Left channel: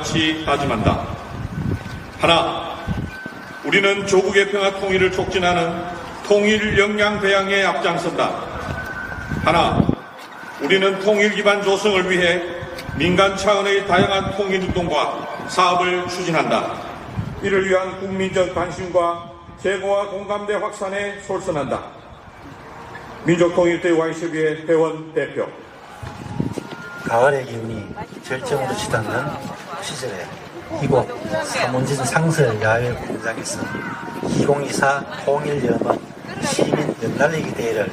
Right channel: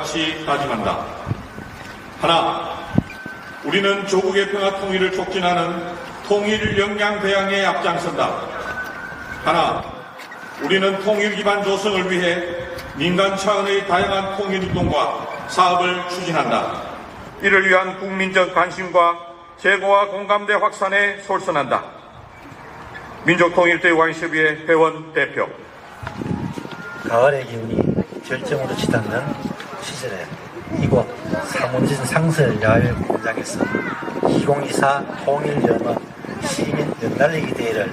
같이 다짐한다. 하나, 우리는 조국의 평화 통일을 촉진하는 통일 역량 배양에 앞장선다. 하나, 우리는 통일 기반 조성을 위해 민간 차원의 다양한 통일 운동과 사업을 추진한다. 이를 위한 국민적 관심과 재고와 공감대 확산에 솔선한다. 민족통일대 와이스비의 회원 대표. 가을의 기운이 절정으로 치닫는 시절에 이곳 삼원진 상설 야외 공장에서 2024 통일연합 시민 연날리기 대회를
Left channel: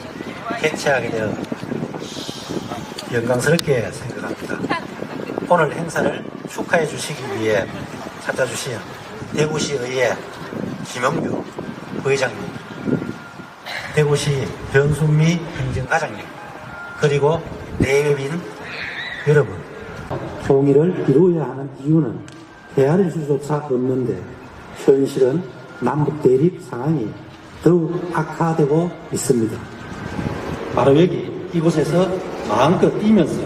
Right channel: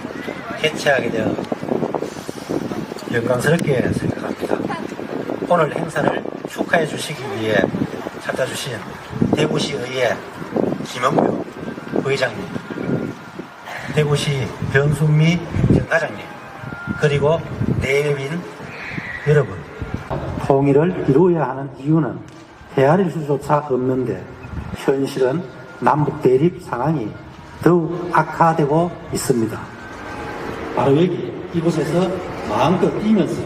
개최하게 되어 영광스럽게 생각합니다. 오늘 행사를 축하해 주시기 위해 찾아주신 대구시의회 김영규 부회장님, 대구시 변순미 행정과장님, 그리고 대외민 여러분, 통일을 이루어야 하는 이유는 헤아릴 수조차 없는데 현실은 남북 대립 상황이 더욱 악화되고 있습니다. 바로 여기 이곳에서 마음껏 뛰면서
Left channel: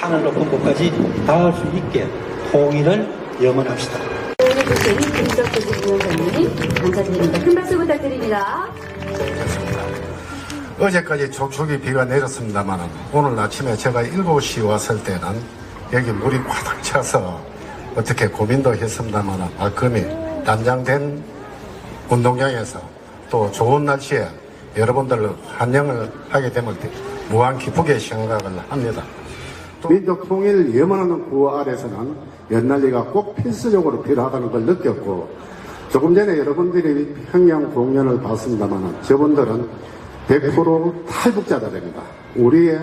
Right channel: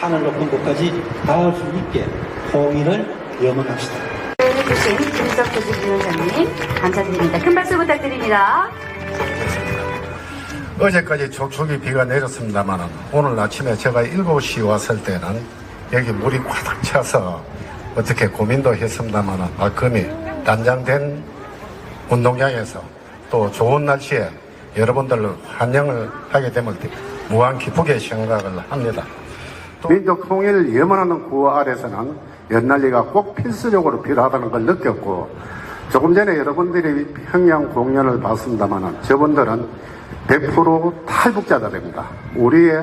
하늘 높은 곳까지 닿을 수 있게 통일을 염원합시다. 해주신 김석주 위원장님 감사드립니다. 큰 박수 부탁드립니다. 어제까지 촉촉이 비가 내렸습니다만 오늘 아침에 제가 7시 왔을 때는 여기 물이 꽉 차서 어떻게 고민도 했습니다만 발걸음이 단장된 운동장에서 또 좋은 날씨에 여러분들 환영을 하게 되면 무한 기쁘게 생각을 합니다. 민족 통일을 염원하는 구호 아래서는 연날리가 꼭 필수적으로 필요하다는 걸 느꼈고 조금 전에 여러분들이 평양 공연을 봤습니다만 저분들은 100% 탈북자들입니다. 우리의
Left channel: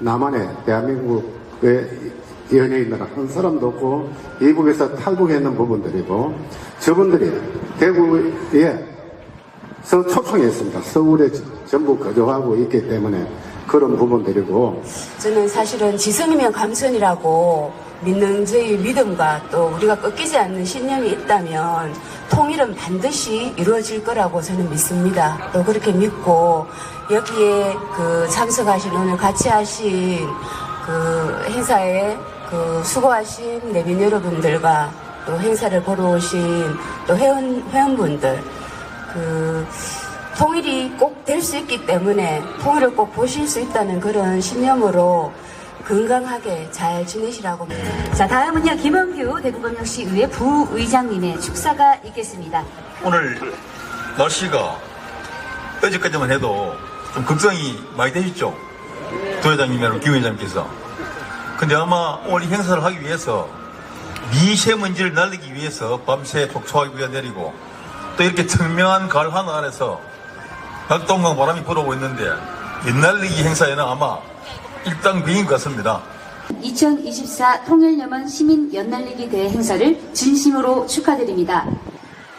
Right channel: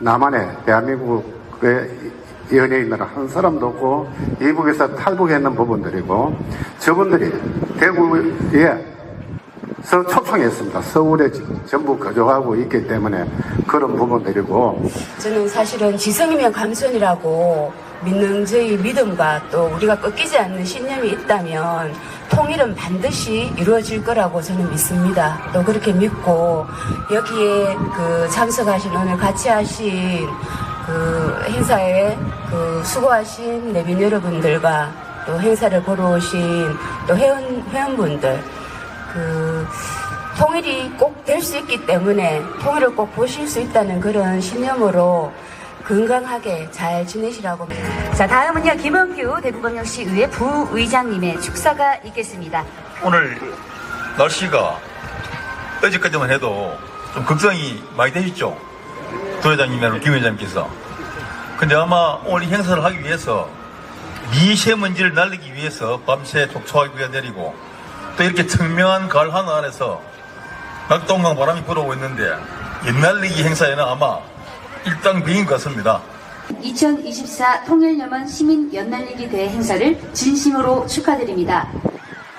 남한의 대한민국의 연예인들은 한 사람도 없고 이북에서 탈북했는 부분들이고 저분들이 대구에 서 초청했습니다. 서울에 전부 거주하고 있기 때문에 그런 부분들이고 저는 사실은 지성이면 감선이라고 믿는 저희 믿음과 또 우리가 꺾이지 않는 신념이 있다면 통일은 반드시 이루어질 거라고 저는 믿습니다. 또 그렇게 믿고 여기에 그 참석하신 오늘 같이 하신 그 행사에 그 수고하신 내빈 여러분들과 또 행사를 보러 오신 또 회원, 회원분들 그 통일이 꼭 될 수 있기 때문에 통일을 꼭 보실 수 있다는 그런 신념으로 건강하게 잘 지내시라고. 자, 다음은요, 김원규 대구광역시의회 부의장님의 축사가 있겠습니다. 오늘 날씨가 어제까지만 해도 좀 걱정이 많이 되셨죠? 도회장님이랑 김 회장님께서. 근데 아마 오늘 이 행사를 하기 위해서 미세먼지를 날리기 위해서 밤새 촉촉하게 내리고 또 이렇게 청명한 가을 하늘 아래서 낙동강 바람이 불어오고 있는데 옛날리기 행사에는 아마 일당 비인 것 같습니다. 2024 통일염원 시민 연날리기 대회 행사를 진심으로 축하드립니다.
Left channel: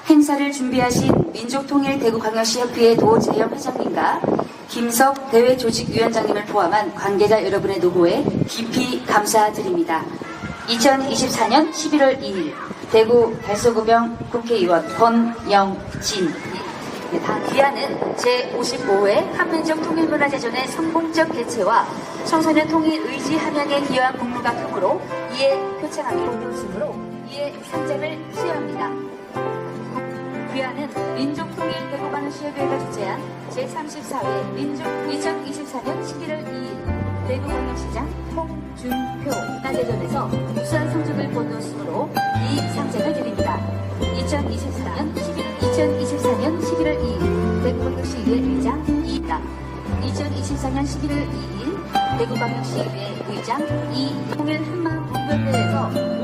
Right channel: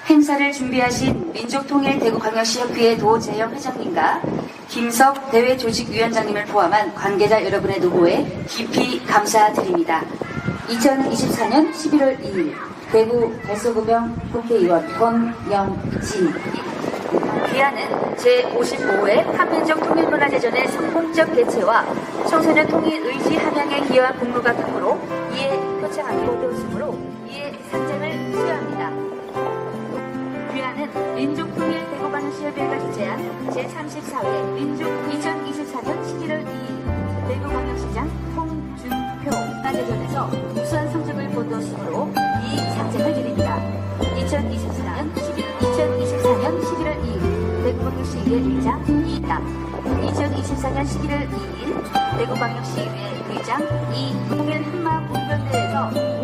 행사를 준비하신 민족통일대구광역시협의회 도재영 회장님과 김석 대회 조직위원장님을 포함한 관계자 여러분의 노고에 깊이 감사드립니다. 2024년 11월 2일 대구 달서구병 국회의원 권영진 기한은 제55회 한민족 통일문화제전의 성공적 개최와 청소년 통일 의지 함양에 기여한 공로가 크므로 이에 표창하기 어려우시므로 이에 상장을 수여합니다. 협의회가 주최한 제34회 민족 2024년 11월 2일 대구광역시장 홍준표 문화제전에서 우수한 성적을 거두었으므로 이 상장을 드립니다. 2024년 11, 2024년 11월 2일 대구광역시의회 의장입니다. 2024년 11월 2일 대구광역시의회 의장 이통일 한마공연대회에서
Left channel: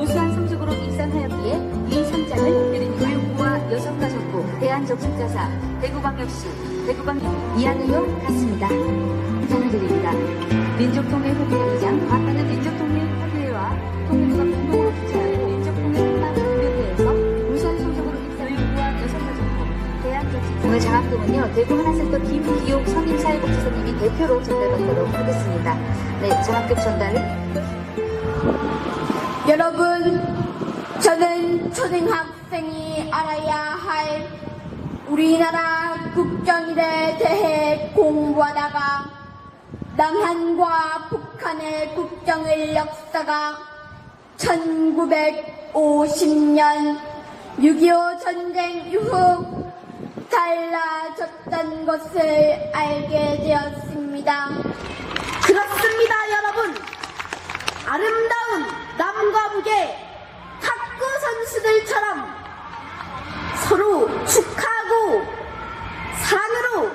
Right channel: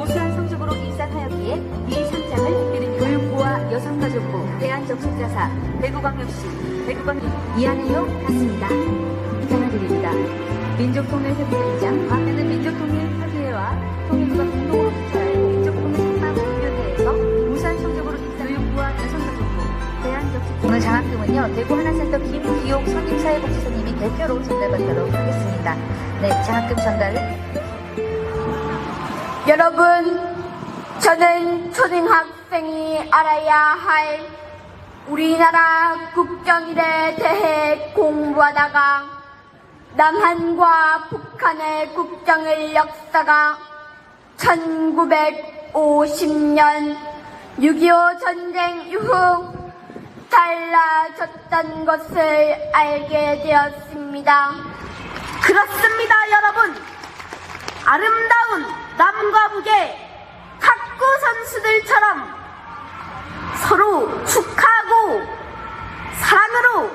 적십자사 대구광역시 대구광역 이하늘로 갔습니다. 상을 드립니다. 민족통일 협의회 의장 만나는 민족통일 협의회와 통일부가 공동으로 주최하여 민족통일 한마공연대회에서 우수한 성적으로 입상을 교육부와 여성가족부 대한적십자사 오늘 장학금은요 대구 하나센터 김기옥 선임사회복지사님이 대표로 전달받도록 하겠습니다. 네, 장학금 전달 여러분, 저는 초등학생이 알아야 할 우리나라 국경일에 대해 공부하다가 남한과 북한의 국경의 역사가 1950년 6.25 전쟁 이후 달라졌던 것을 알게 되었습니다. 그렇습니다, 여러분. 아름다운 남과 북의 탁구 선수들처럼 산으로